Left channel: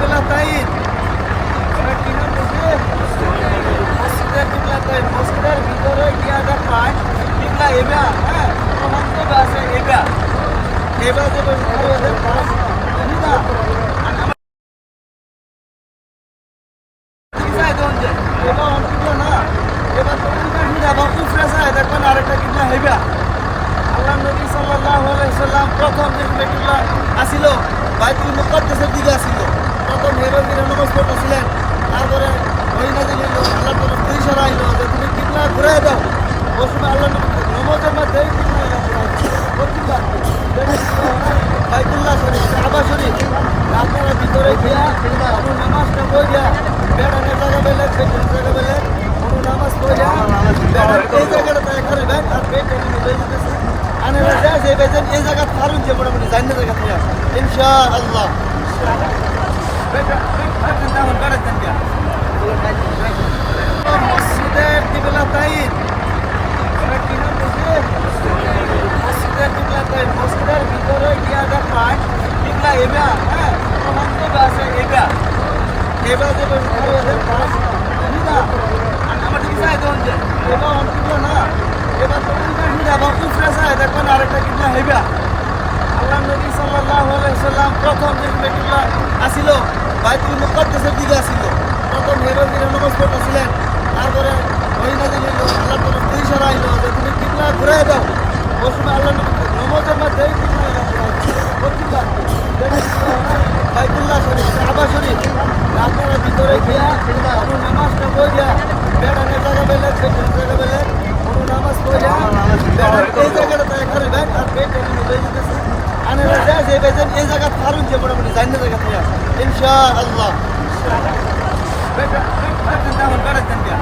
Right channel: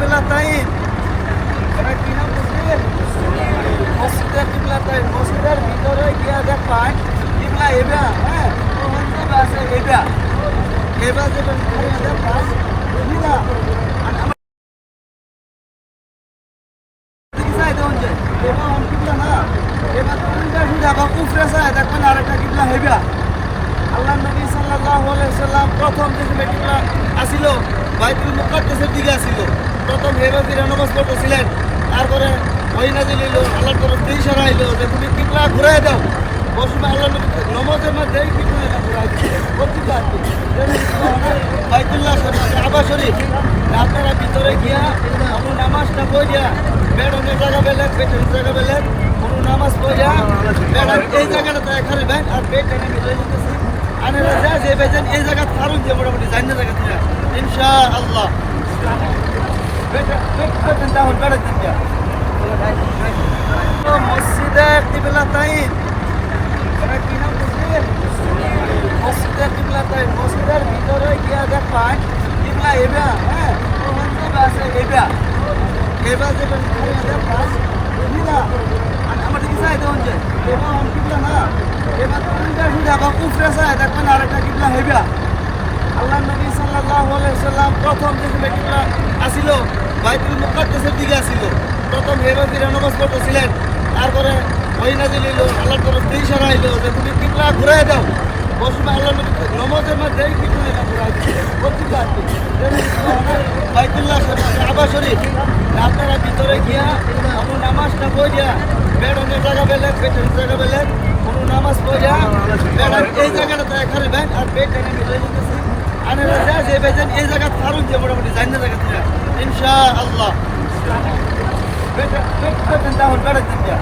কিবলাতাইন, এটা কি নাম বলছে? মসজিদের কিবলাতাইন। মসজিদের ভিতরে গিয়া দেখায় কিবলা এবা, হ্যাঁ, ওখান থেকে আছে এবা। এবা যেটা ঘরে দেখা, বুঝলা? আর আমার কি চাই দেন যে? এবা অন কিবলা না। এবার তোমরা হিরা বা কুফরে চাই দেখবেন আরেকটা কিবলা হেবা। আল্লাহ নবী সাল্লাল্লাহু আলাইহি সাল্লাম প্রথম যেখানে কিবলা আসিল বাইতুল মুকাদ্দাসের দিকে আসিল, প্রথম হেবা ফিরে নামাজ পড়তেছিলেন। তারপরে ওই নাজিল হইল, আল্লাহর তরফ থেকে ইশারা আইলো যে তুমি কিবলা ঘুরাই দাও। ওই সময় আল্লাহ নবী নামাজের মধ্যেই কিবলা এরা ঘুরাই দিচ্ছে প্রতিটা বাইতুল্লাহ শরীফ, কাবা শরীফ। আপনারা ভিতরে গিয়া কোনো নামাজটা পড়িয়া বেড়ানোর জায়গা বেলেগ, বেটানোর জায়গা বেলেগ, কোনো নামাজ পড়িয়া বেড়ান এই জায়গাটা এখানে বেন আর বেট আমি লয়ে যেতেছি। আনারা যা যে বেজেন এই জায়গা ফারুন যে মোটামুটি জান্নার জায়গা থেকে ইনশাআল্লাহ। মসজিদের কিবলাতাইন, এটা কি নাম বলছে? মসজিদের কিবলাতাইন। মসজিদের ভিতরে গিয়া দেখায় কিবলা এবা, হ্যাঁ, ওখান থেকে আছে এবা। এবা যেটা ঘরে দেখা, বুঝলা? আর আমার কি চাই দেন যে? এবা অন কিবলা না। এবার তোমরা হিরা বা কুফরে চাই দেখবেন আরেকটা কিবলা হেবা। আল্লাহ নবী সাল্লাল্লাহু আলাইহি সাল্লাম প্রথম যেখানে কিবলা আসিল বাইতুল মুকাদ্দাসের দিকে আসিল, প্রথম হেবা ফিরে নামাজ পড়তেছিলেন। তারপরে ওই নাজিল হইল, আল্লাহর তরফ থেকে ইশারা আইলো যে তুমি কিবলা ঘুরাই দাও। ওই সময় আল্লাহ নবী নামাজের মধ্যেই কিবলা এরা ঘুরাই দিচ্ছে প্রতিটা বাইতুল্লাহ শরীফ, কাবা শরীফ। আপনারা ভিতরে গিয়া কোনো নামাজটা পড়িয়া বেড়ানোর জায়গা বেলেগ, বেটানোর জায়গা বেলেগ, কোনো নামাজ পড়িয়া বেড়ান এই জায়গাটা এখানে বেন আর বেট আমি লয়ে যেতেছি। আনারা যা যে বেজেন এই জায়গা ফারুন যে মোটামুটি জান্নার জায়গা থেকে ইনশাআল্লাহ। বেটা বেটা বেটা বেটা